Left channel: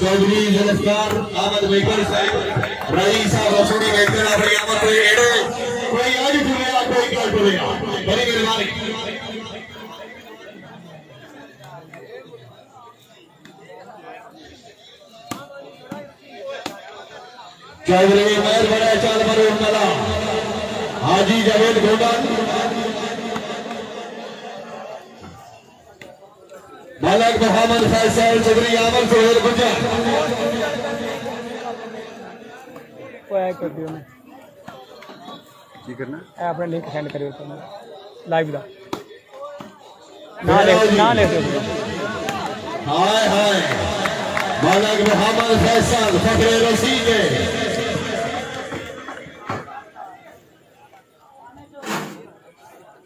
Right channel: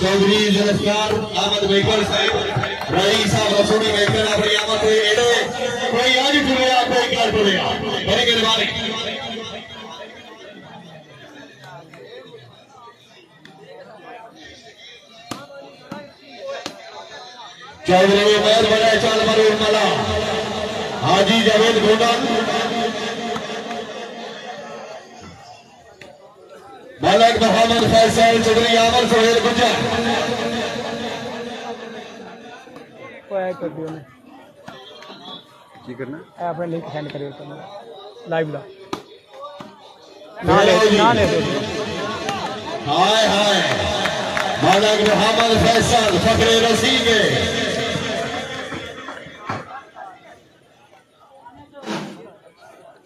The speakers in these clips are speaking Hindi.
चौधरी जुल्फकार अहमद मेकर साहब रईस साहब रसोड़ी मेकर अपनी आमद कोई एड़े कोई आज जुड़ेगा कोई क्या जुड़ेगा बड़ी मेहरबानी चौधरी मेहर बड़ा चाल मरे उमला हाजी जावेद गोडा मलक मोहम्मद फैसल चौधरी आमर सोहेल गुज्जा कर दियो ने की करना है अपने लिंक सेंड करियो लाइव दा ना ले दो हाय हाय मलक मोहम्मद फैसल फखरे रसी के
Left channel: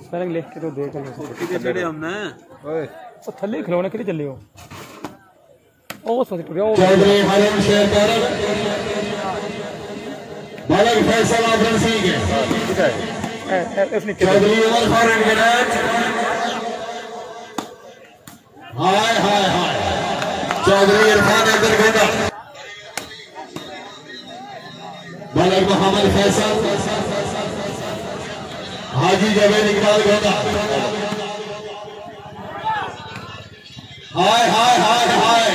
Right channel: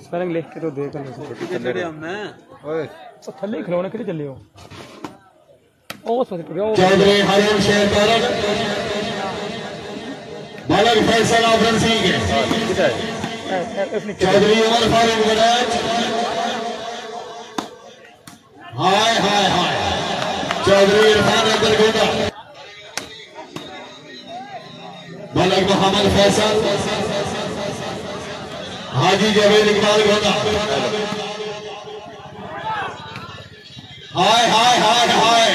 स्पेलिंग लिख के तो देख लो कितने चढ़े हमने ओए तो थल्ले खिलौने के लिए चले हो ओ सोच टुरियो चौधरी हरिम शेर करन मलक फैसल आफर सिंह के किधर है इसने चौधरी उमर फारूक विराज हाय हाय हाय चौधरी इरफान अब्दुल गोदा मलक मोहम्मद फैसल हाजी जावेद इकबाल गोदा हाय हाय हाय हाय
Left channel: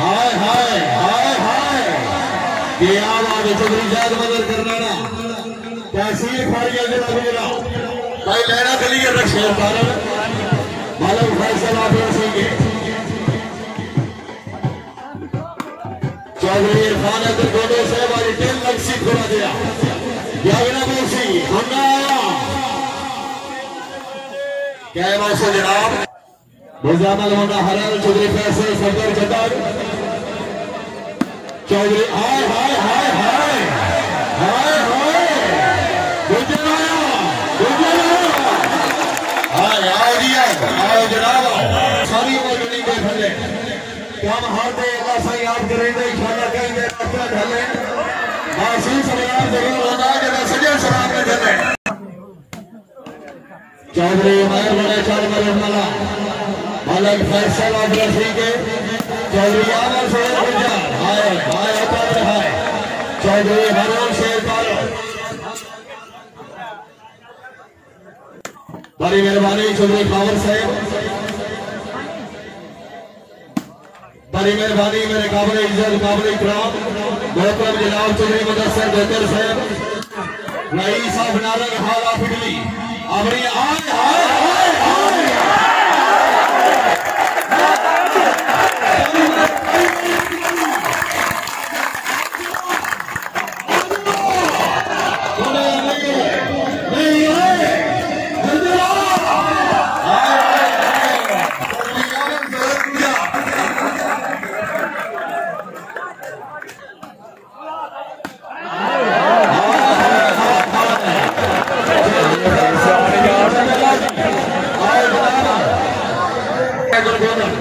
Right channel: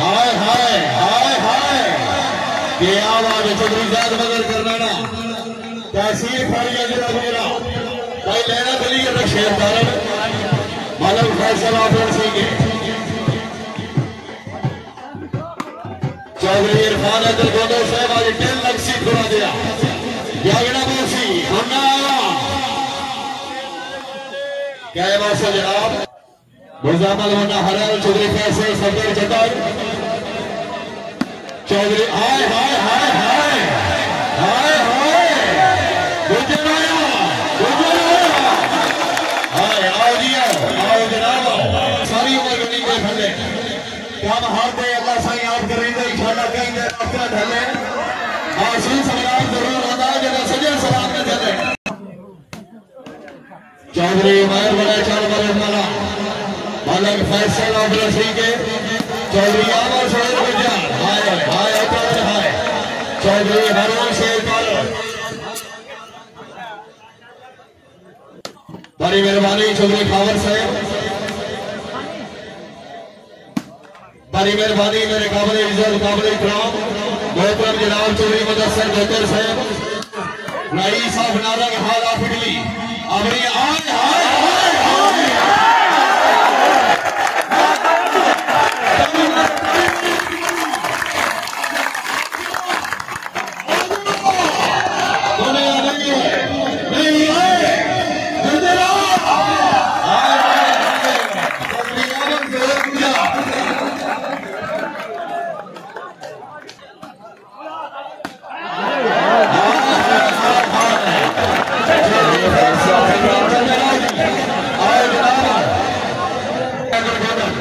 हाय हाय हाय हाय ये आवाज चौधरी जाद मदर करना तहसील फाड़िया जिला गुजरा भाई लेना के लिए शेर कारण मलक फैसल आफर सिंह चौधरी इरफान अब्दुल गोदो साहब आज 10 लाख सीट घुरा दिया यागना मुंशी होना क्या बात है जनाब मुजामल होना हरल चौधरी फैसल सफदर जतर चौधरी हाय हाय हाय हाय हाय हाय गुजरा हाय आओ जी आओ जनाब सारी उम्र नहीं के थले क्या हारते अल्लाह से याद करेंगे इंशाल्लाह कहेंगे रास्ता ढले आशीष सलाम जरूर होगा जब सजे सलाम के ढले चौधरी उमर बड़े चाल मरे मला मलक फैसल और रसी के चौधरी आमर सोहेल गुज्जा हाय हाय अतर हाय चौधरी हरून शेर पारो बड़ी मेहरबानी चौधरी खावर साहब बड़ी मेहरबानी मेरे काबिल इज्जत काबिल इकराम मोहतरम जनाब चौधरी मुदस्सिर जोतर साहब रईस साहब नारंग हाल आफिगली अपनी हाय हाय हाय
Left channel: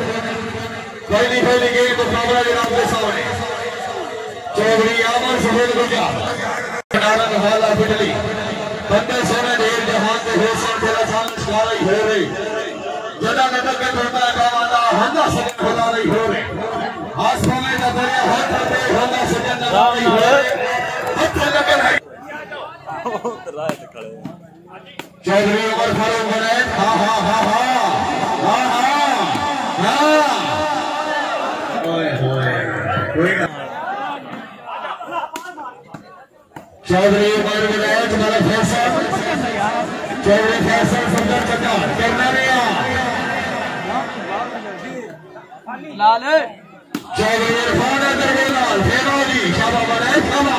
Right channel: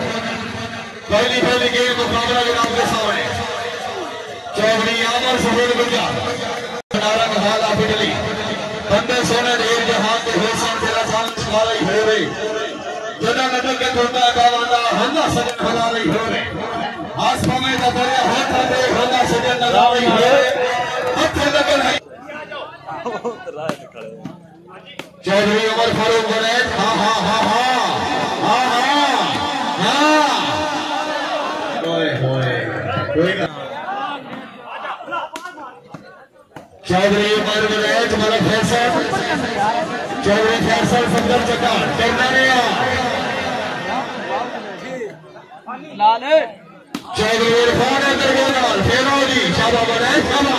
पहली पहली गेम मुकाबला जनाब के सामने चौधरी आमर सोहेल गुज्जा नारंग हाल आफिगली बंदे सोने ढेर जहां के हिस्से तेरा सामने शिकारी हो रही जदा नजर के टोटा गावांदा हंदा सजन भला रही हो रही आसमान में दरे हाथ पे हंदा सजन राम नाल हाथ लगे नहीं चौधरी उमर फारूक बने हां हां हां हां हां हां चौधरी उमर विलायत मलक फैसल चौधरी फैसल सुंदर चक्का करना लाल चौधरी इरफान अब्दुल गोदा फेरोजी शाबाश बने खमा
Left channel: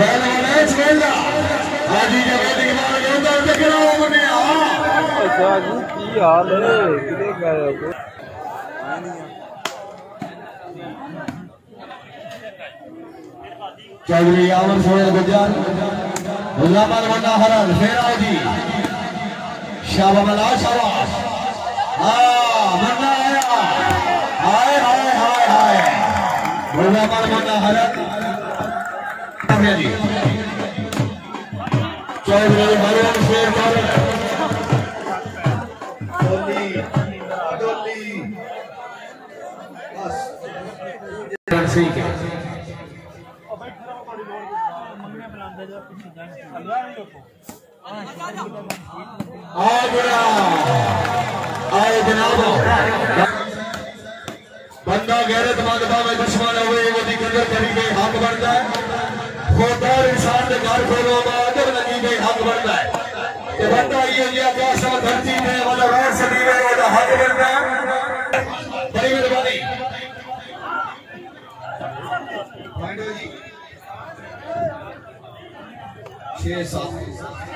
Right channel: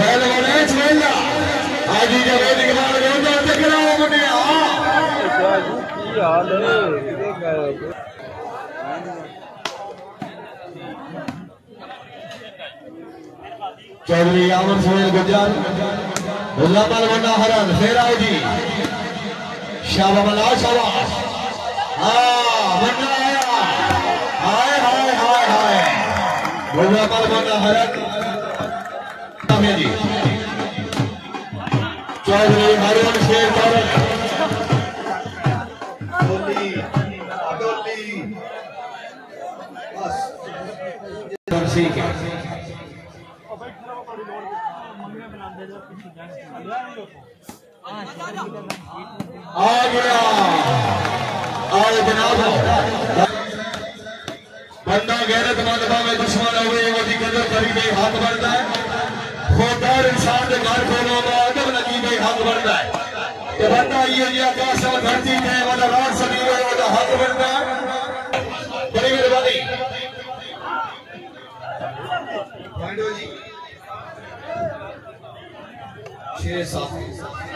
बैल बने चला हाजी जावेद इकबाल गोदा टकरा बने की हाल है चौधरी आमर सोहेल गुज्जा मुजामल वंडा हरन फेराओ जी शाबाश शाबाश वंडा आया हाय हाय हाय हाय मुजामल वंडा हरन जी चौधरी हरून शेर ठीक है आ गया आए जनाब बंदा गैरतमंद भावे दुश्मन हुए वो कदर करी गई हक बनता है खुददार इंसान के घर खोलो अदब लगी गई हक बनता है बंदा ये आकाश में धरती में मतलब रात सभी में हक बनता है बड़ी मेहरबानी 6-7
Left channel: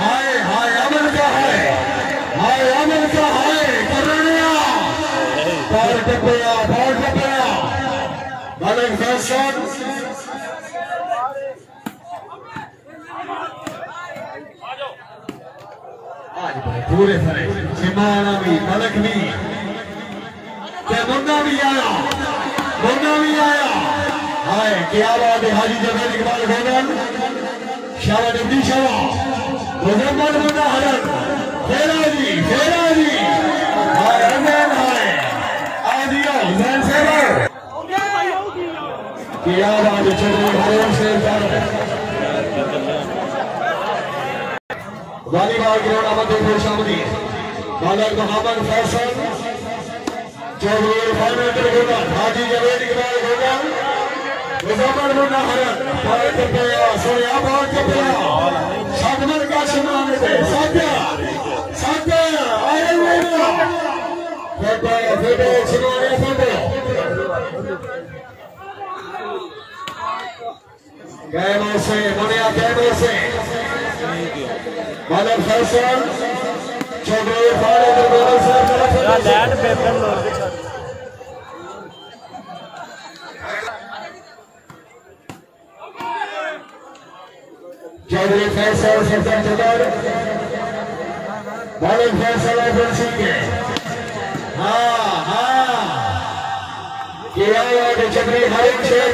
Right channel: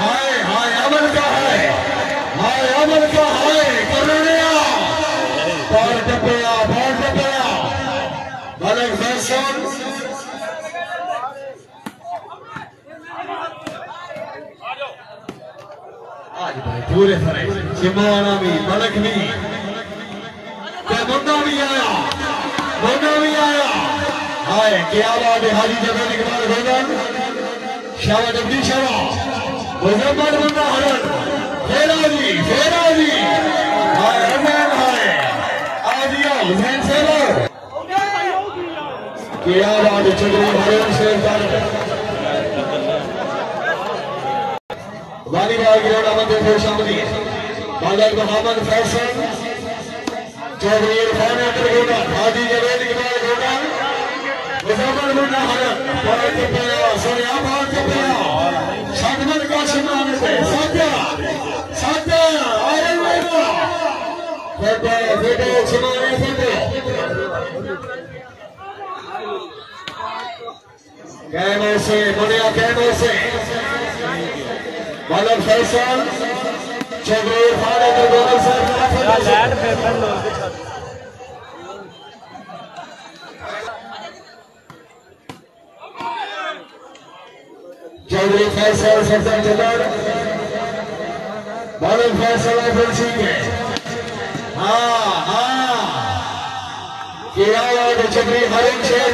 हाय हाय अमन का है बाल टपया मलिक फैसल आज पूरे सारे चिमाना भी मलिक भी मुन्ना भी आया हाय क्या बात है हाजी जबल इकबाल गोगन शाह जगदीश मुजम्मल मुन्ना हरन फेरा जी हाय अमन हाय आदिया हुसैन सेवा क्या बात है चलो हरन शेर वालीबाल ग्राउंड अहमद शामली बालक मोहम्मद फैसल चौधरी इरफान हाजी जवेद इकबाल गोगन मुजम्मल मुन्ना हरन बालक टपया सरियाबाद टपया शादमल का शमान से साध्या आयरन मैना फोटो सुनाए फोटो कैमरे से मुनिया कैमरे से बालक फैसल चौधरी इरफान गोगन साहब चौधरी फैसल सज्जन जबर बालक फैसल एजेंसी के चौधरी हरिम शेर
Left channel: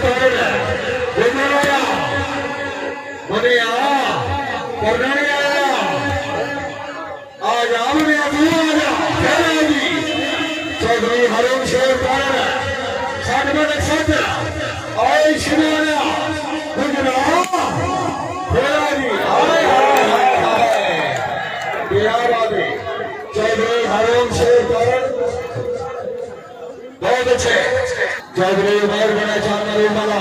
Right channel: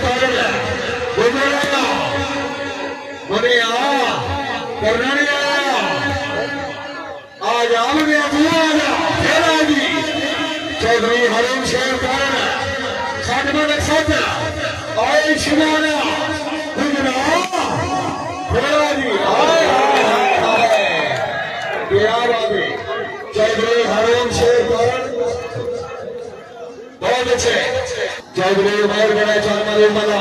करनानी आया आज आमने जी चौधरी हरिम शेर आए शिवाना चौधरी हरिम शेर बहुत अच्छे चौधरी उमर मेरा चांदमारी मला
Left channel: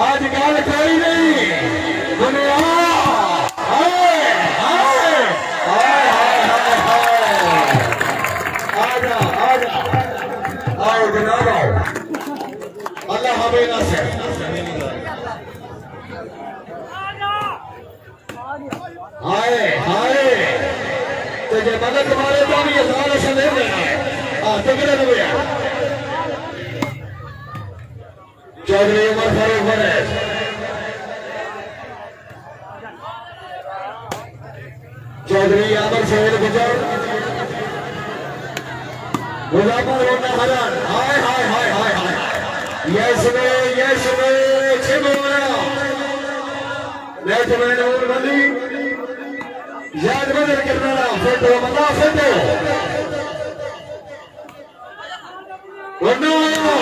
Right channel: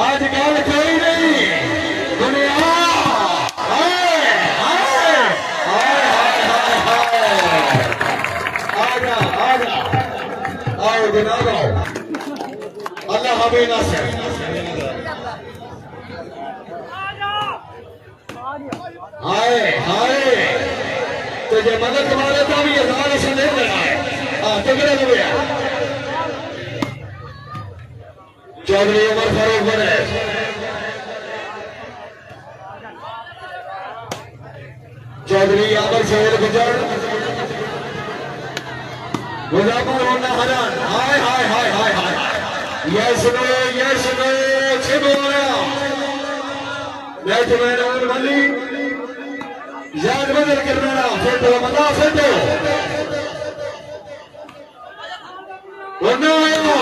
आज गल कोई नहीं दुनिया अल्लाह हमें नासिर हाय तो ये मदद तुम्हारे तो भी ये सारे संदेह लेना है तो किधर हो गया चौधरी उमर फारूक बने चौधरी अमर शोर गुजर मुजम्मल मुन्ना हरन हाय यस नो छिमोया बैठमैन और वली याद बदल करना फोटो मना फोटो